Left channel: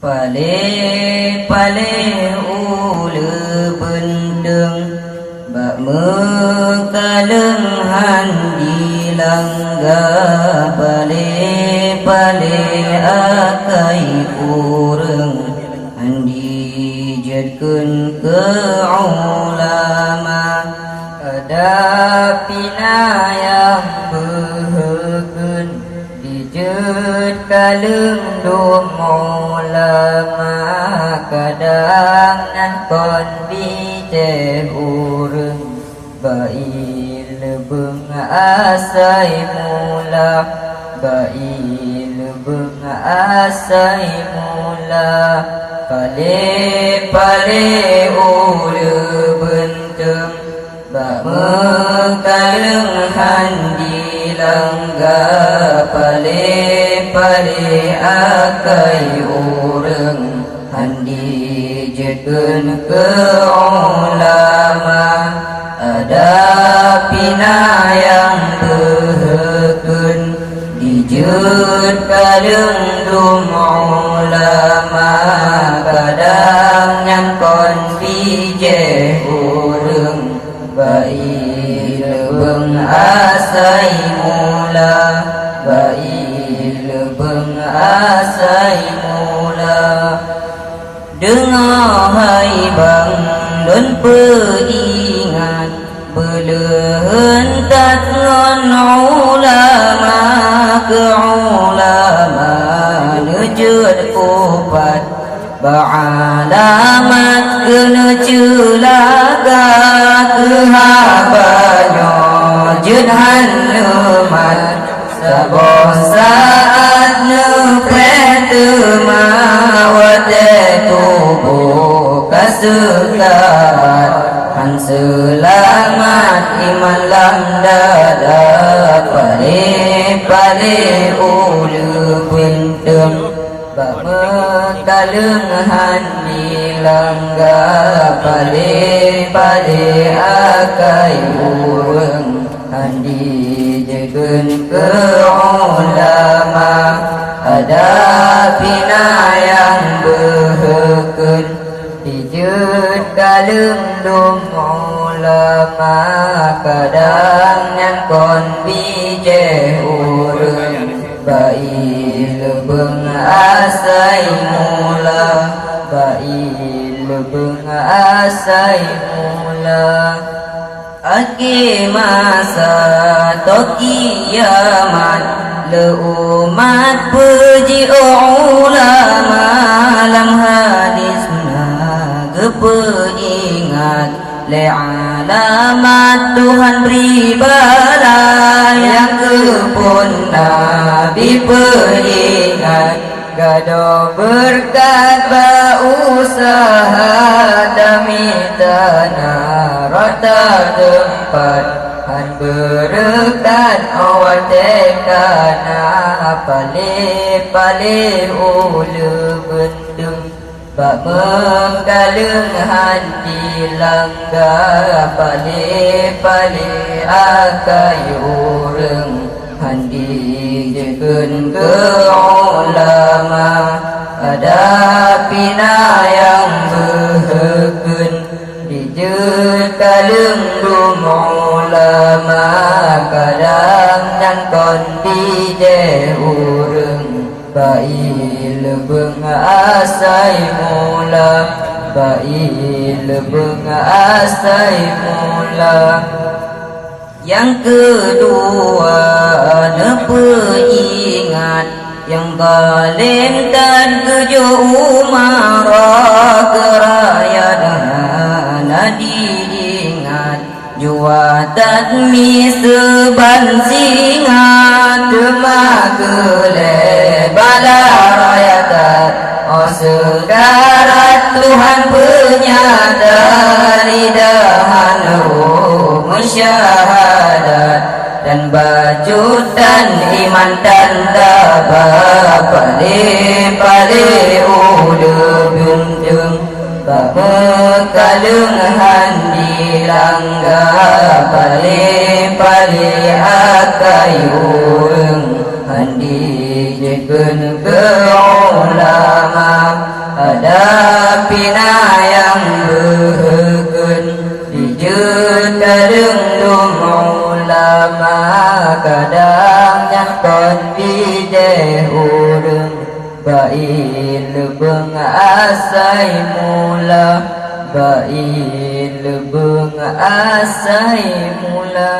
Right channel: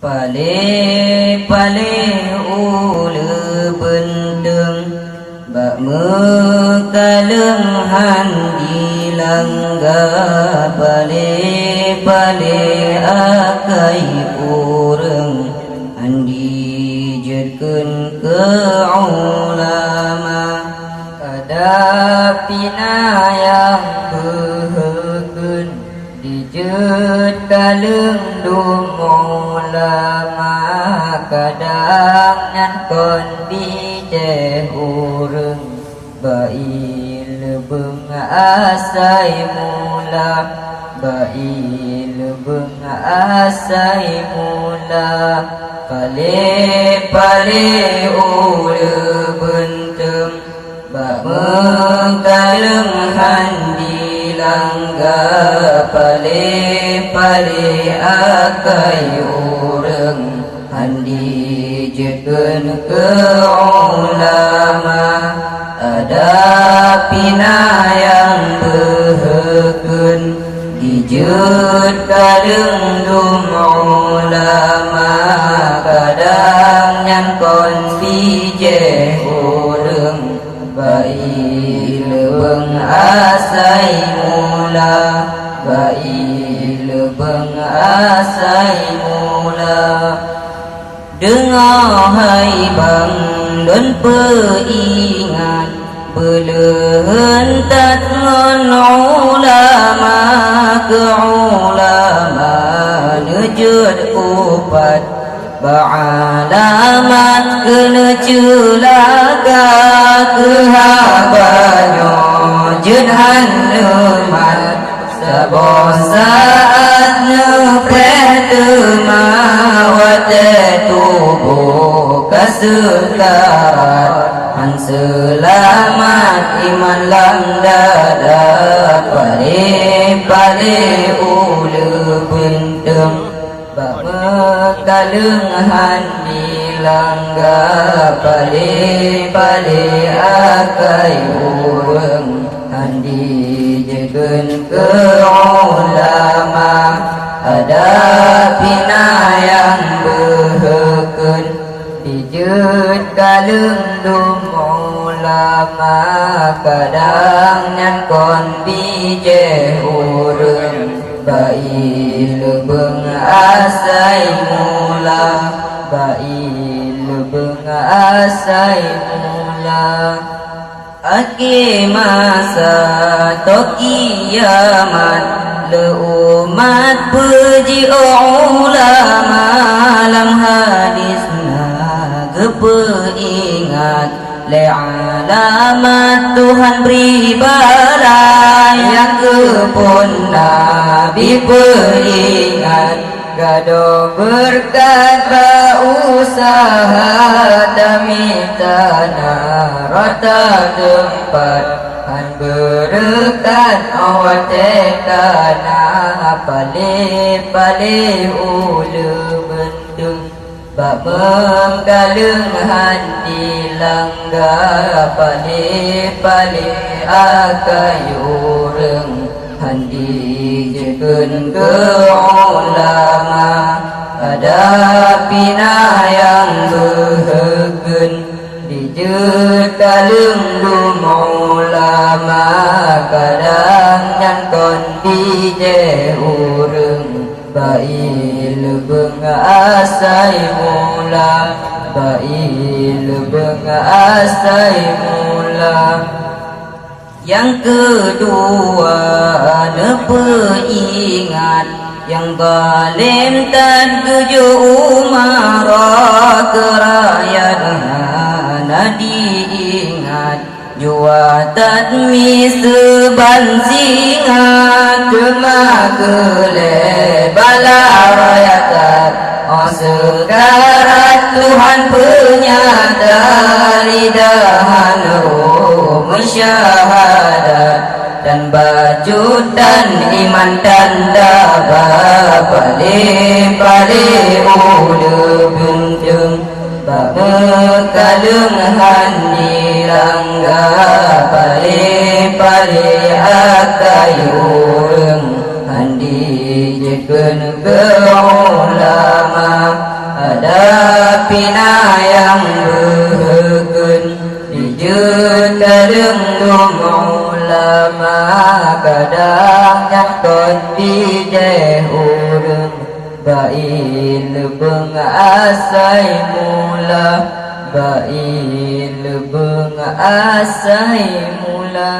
Pale ulu benteng bak mekaleng handi langga pale akai urang handi jedkeun ke ulama adapina yang behekeun dijed kaleng dum ulama kadang kon bijeh urang bail beung asai mula bail beung asai mula pale ulu benteng bak mengkaleng handi langga pale akai urang handi jedkeun ke ulama adapina yang behekeun dijed kaleng dum ulama kadang nyangkon bijeh urang bail beung asai mula bail beung asai mula dengar hai bang don peingat belehentat ngon ulama ke ulama nejud kupat ba'alamat kena culaga kehabanyo jedhan lemal sabah saat nepetema wate tubuh kasukat han selamat iman lamdada pale ulu benteng bak mengkaleng handi langga pale akai urang handi jedkeun ke ulama adapina yang behekeun dijed kaleng dum ulama kadang nyangkon bijeh urang bail beung asai mula bail beung asai mula ake masa to kiamat le umat puji ulama lam hadisna gepeingat le alamat Tuhan pribadi yang kepun Nabi peringat gado berkat usaha demi tanah rata tempat han berkat awat tanah pale ulu benteng bak mengkaleng handi langga pale akai urang handi jedkeun ke ulama adapina yang behekeun dijed kaleng dum ulama kadang nyangkon bijeh urang bail beung asai mula bail beung asai mula yang kedua nepeingat yang galim tan kejo umarah kerayaan diingat juatan miseban singat temagele bala rayatat segarat Tuhan penyata lidahan syahadat dan bajutan iman dan tabah pale ulu benteng bak mekaleng handi langga pale akai urang handi jedkeun juga ulama ada pina yang bergen dijun kadang ulama kadangnya tondi deh urang bail bengasai mula bail bengasai mula